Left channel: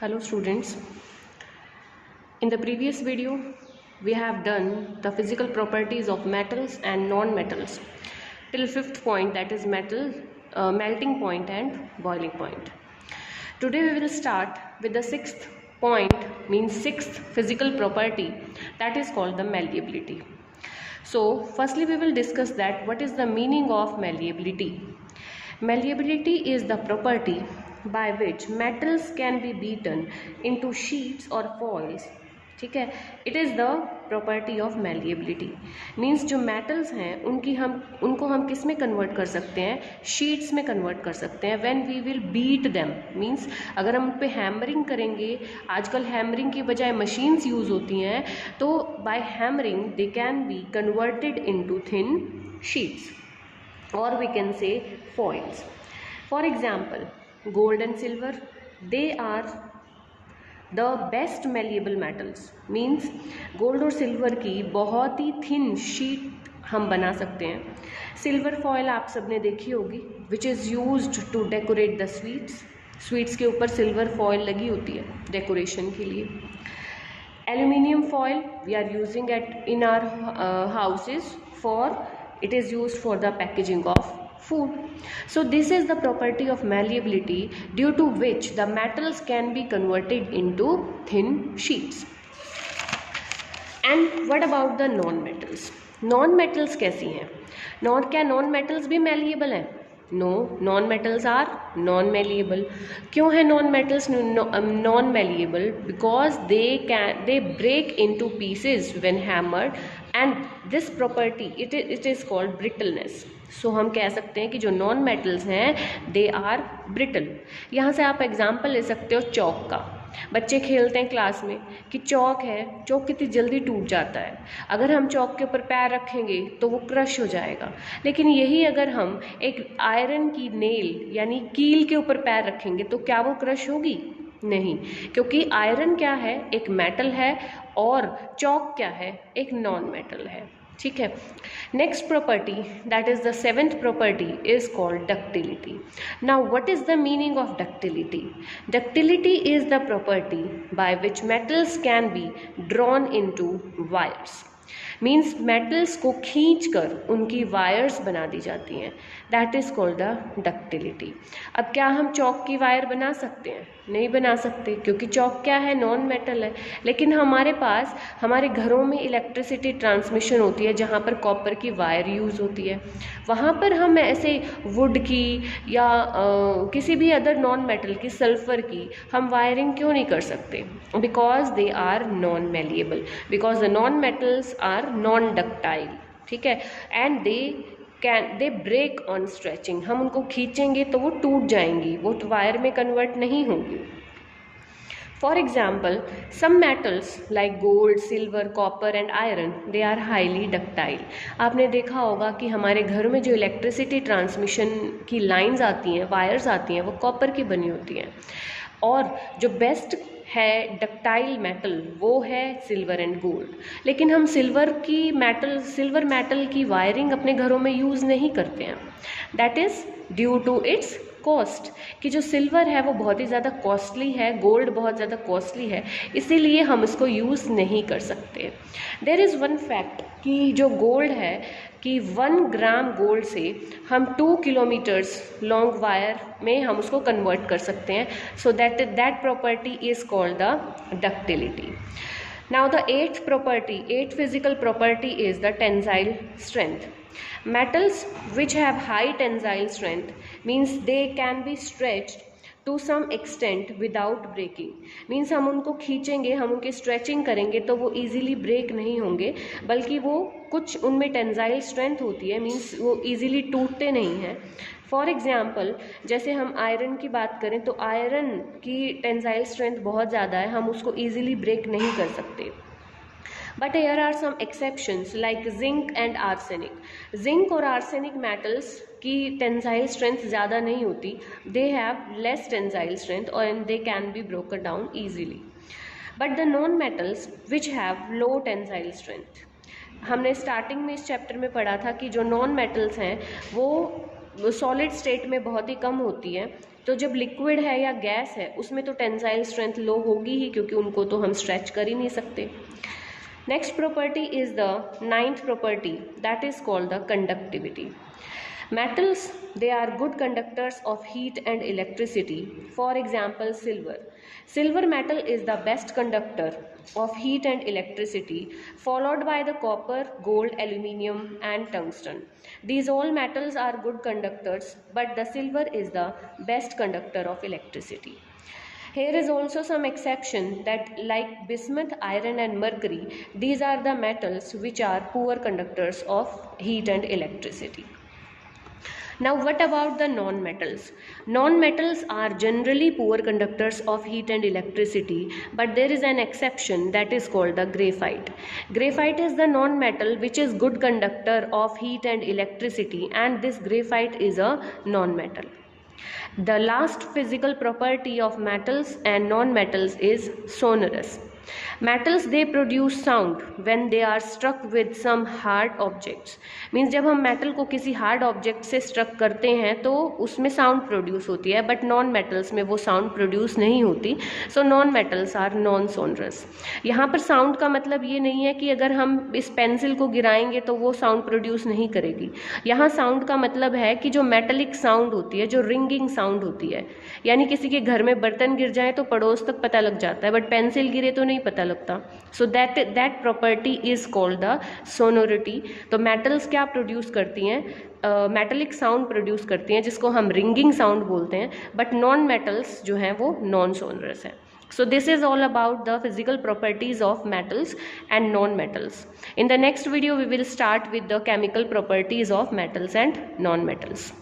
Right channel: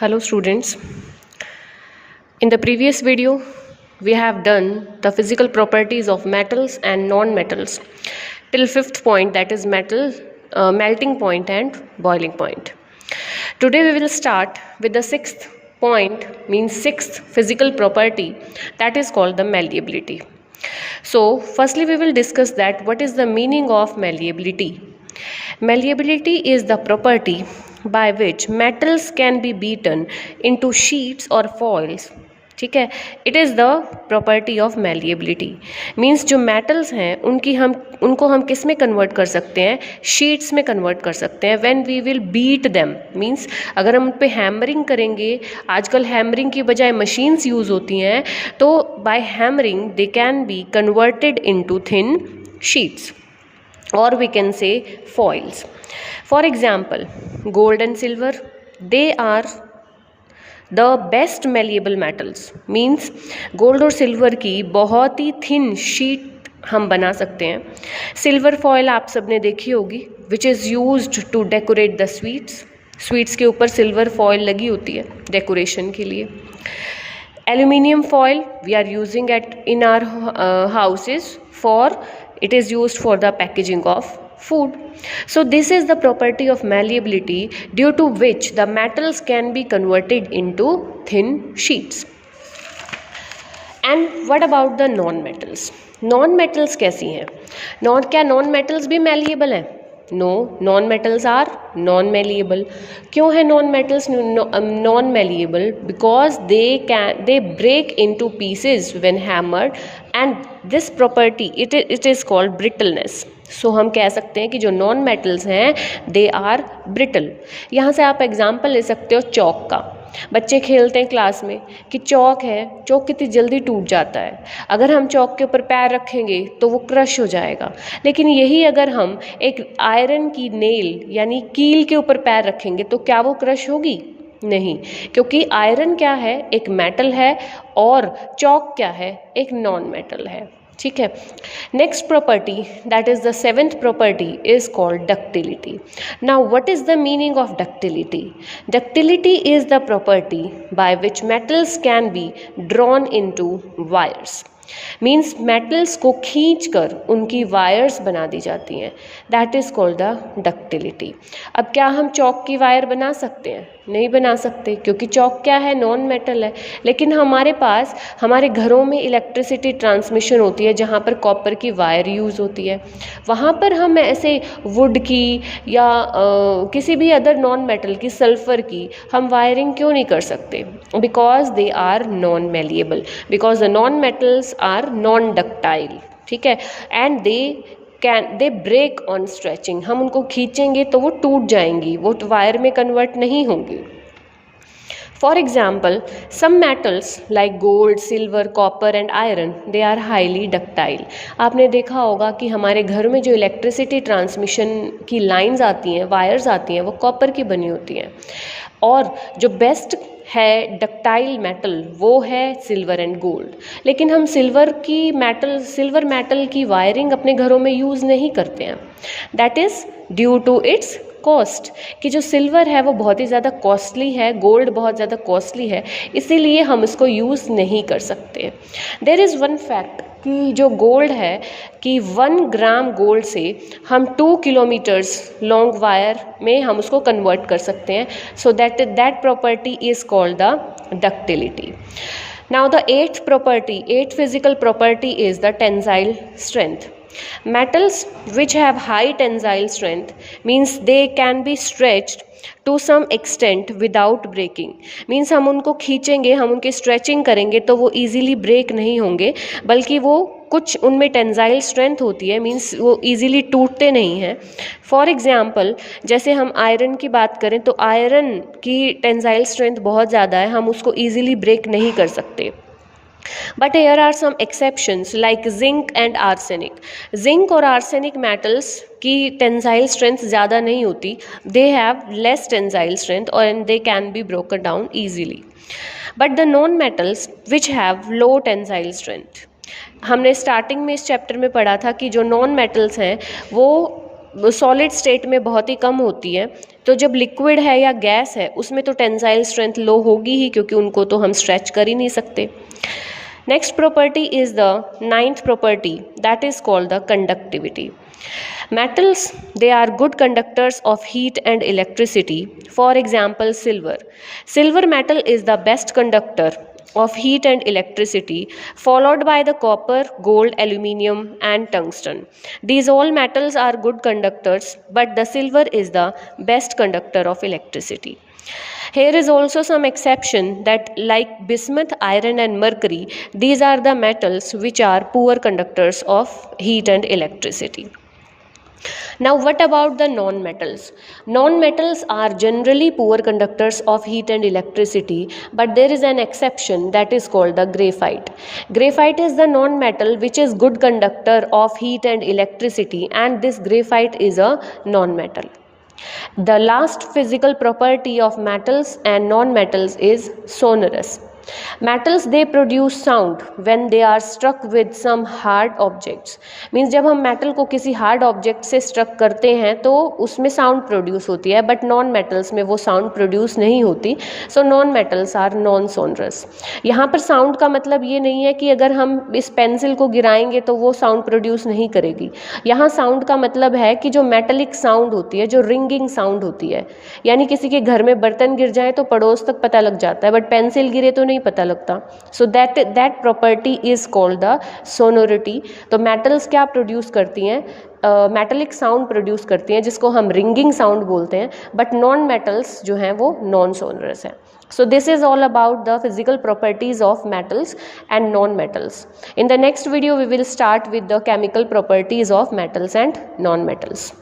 Hello students. In the previous video, we have done the physical properties of metals and non-metals till fifth point, that is melting point and boiling point. Today we will start with the sixth point, means sixth physical property, that is called the malleability. So firstly we will discuss that what is the meaning of malleability. Malleability is the property by which metals can be beaten into sheets or foils. ठीक है, it is the property of malleability. Means जो metals हैं उनको हम किस में convert कर सकते हैं, शीट्स में कन्वर्ट कर सकते हैं. When we will beat them, means अगर हम उन पर हैमरिंग करेंगे, आजकल हैमरिंग की बजाय मशीन्स यूज़ होती हैं, तो by hammering they can be converted into thin sheets, or we can say foils. For example, gold and silver, they are the best malleable metals. Means gold और silver की बहुत ही thin sheet हम बना सकते हैं. सिल्वर फॉयल आप सबने देखी होगी, which is used to decorate the sweets के ऊपर सिल्वर फॉयल लगी होती है डेकोरेशन के लिए. Aluminium foil we are using in our houses for, it is used for the packaging of food. So this is the property of malleability, due to which the metals can be converted into thin sheets. And what about the non-metals? Non-metals कैसी हैं? क्या non-metals भी malleable हैं? No, non-metals are non-malleable. क्यों है non-metals non-malleable? Because they break into pieces when hammered, and this property it is called brittleness. So हम कह सकते हैं कि जो non-metals हैं they are brittle. यहाँ से आप एग्जाम्पल ले सकते हो चौक का. बच्चे खेलते हैं क्लास में कि चौक है, चौक कितनी जल्दी टूट जाता है. अगर हम चौक के ऊपर पैर रखेंगे तो वो क्रश हो जाएगा. लेकिन यही अगर हम एक आयरन की नेल यानी कील के ऊपर पैर रखेंगे तो क्या वो क्रश होगी? नहीं, क्योंकि आयरन क्या है, एक मेटल है, और चौक क्या है, एक नॉन मेटल है. ठीक है. Next property, that is the seventh property, is called ductility. Now what is the meaning of ductility? Ductility is the property by which metals can be drawn into wires. Means metals को खींचकर उनकी wires बना दी जाती हैं. That is called the ductility. अब क्या हम चौक की वायर बना सकते हैं? नहीं बना सकते, क्योंकि चौक क्या है, नॉन मेटल है. लेकिन हमारे पास हमारे घरों में इलेक्ट्रिसिटी ट्रांसमिशन होती है जहाँ पर कॉपर की वायर यूज़ होती है. वहाँ पर हम ऐसे वुड की या किसी भी अदर नॉन मेटल की, सल्फर की, हम वायरिंग क्यों नहीं कर सकते? Because they are non malleable, because the non metals are non ductile. ठीक है. And they break on stretching. हम उनको खींचेंगे तो वो टूट जाएंगी, वो वायर में कन्वर्ट नहीं होंगी. For example, some metals like gold, silver, copper and iron, they are highly ductile. आपने देखा होगा कि हमारे घर में जो इलेक्ट्रिसिटी ट्रांसमिशन की लाइंस आती हैं, वायर्स आती हैं, वो कॉपर की बनी होती हैं. और जो बेस्ट है डक्टाइल मेटल वो है सिल्वर एंड गोल्ड. लेकिन हम सिल्वर मेटल की वायरिंग अपने घरों में यूज़ नहीं करते हैं. That is due to its cost, कि जो सिल्वर है वो बहुत ही ज़्यादा कॉस्टली है, गोल्ड बहुत ज़्यादा कॉस्टली है, इसीलिए हम इसको यूज़ नहीं कर सकते. देयर इज़ वन फैक्ट कि जो गोल्ड है कि 1 ग्राम गोल्ड से हम 2 किलोमीटर्स लॉन्ग वायर में हम उसको कन्वर्ट कर सकते हैं. So that property is called the ductility. Now the eighth physical property is the tensile strength. Metals which have high tensile strength means they can be stretched to some extent without breaking. Means हम उनको खींचेंगे, हम उनकी stretching करेंगे तो वो easily break नहीं होंगे, बल्कि वो कुछ उनमें टेंसाइल स्ट्रेंथ होती है, मीन्स वो ईजिली टूटते नहीं हैं. फॉर एग्जाम्पल, जैसे हम आयरन की बात करें तो आयरन की टेंसाइल स्ट्रेंथ बहुत ज़्यादा है, हम उसको ईजिली ब्रेक नहीं कर सकते. But here are some exceptions like zinc and arsenic. Zinc और arsenic metals की टेंसाइल स्ट्रेंथ ज़्यादा नहीं होती. They have less tensile strength and they can be broken down easily. But the non-metals which have low tensile strength, हमने starting में इस chapter में पढ़ा था कि जो नॉन मेटल्स हैं वो सॉलिड स्टेट में बहुत ही कम होती है, तो तो जब लिक्विड है या गैस है उसमें तो टेंसाइल स्ट्रेंथ लो होगी ही, क्योंकि उनको तो हम स्ट्रेच कर ही नहीं सकते। Next property is the ninth property, that is called the conductivity. Metals, they are good conductors of heat and electricity. For example, silver. Silver metal is the best conductor of heat and electricity, followed by the copper, gold, aluminium and tungsten. These all metals are good conductors, but the silver is the best conductor of electricity. Here is also some exception that like bismuth, iron and mercury, these are the metals which are poor conductors of heat and electricity. Now what about the non-metals? Non-metals are generally poor conductors of heat and electricity, but there is an exception that is called the graphite. Graphite is the non-metal which is good conductor of heat and electricity, and this graphite is a non-metal. The last physical property of metals and non-metals is sonorous. Metals, they produce sound when they are struck with some hard objects. Means जब हम metal को किसी hard object से struck करते हैं तो उसमें sound produce होती है, बट नॉन मेटल्स में वो साउंड प्रोड्यूस नहीं होती. So non metals are non sonorous. यहाँ पर साउंड का मतलब ये नहीं है कि अगर हम इस पेंसिल को गिराएंगे तो वो साउंड प्रोड्यूस नहीं करेगी. यहाँ साउंड का मतलब है कि जो मेटलिक साउंड होती है, जो रिंगिंग साउंड होती है, यानी किसी के घर में बर्तन गिर जाए तो पड़ोस तक पता लग जाता है, बट पेंसिल गिरे तो नहीं पता लगता. So that property is called the sonority. तो मेटल्स क्या प्रोड्यूस करती हैं? मेटलिक साउंड प्रोड्यूस करती हैं जिसको हम रिंगिंग साउंड बोलते हैं, बट नॉन मेटल्स जो हैं वो नॉन सोनरस है. So this is all about the physical properties of metals and non-metals. In the next video we will start with the chemical properties of metals and non-metals.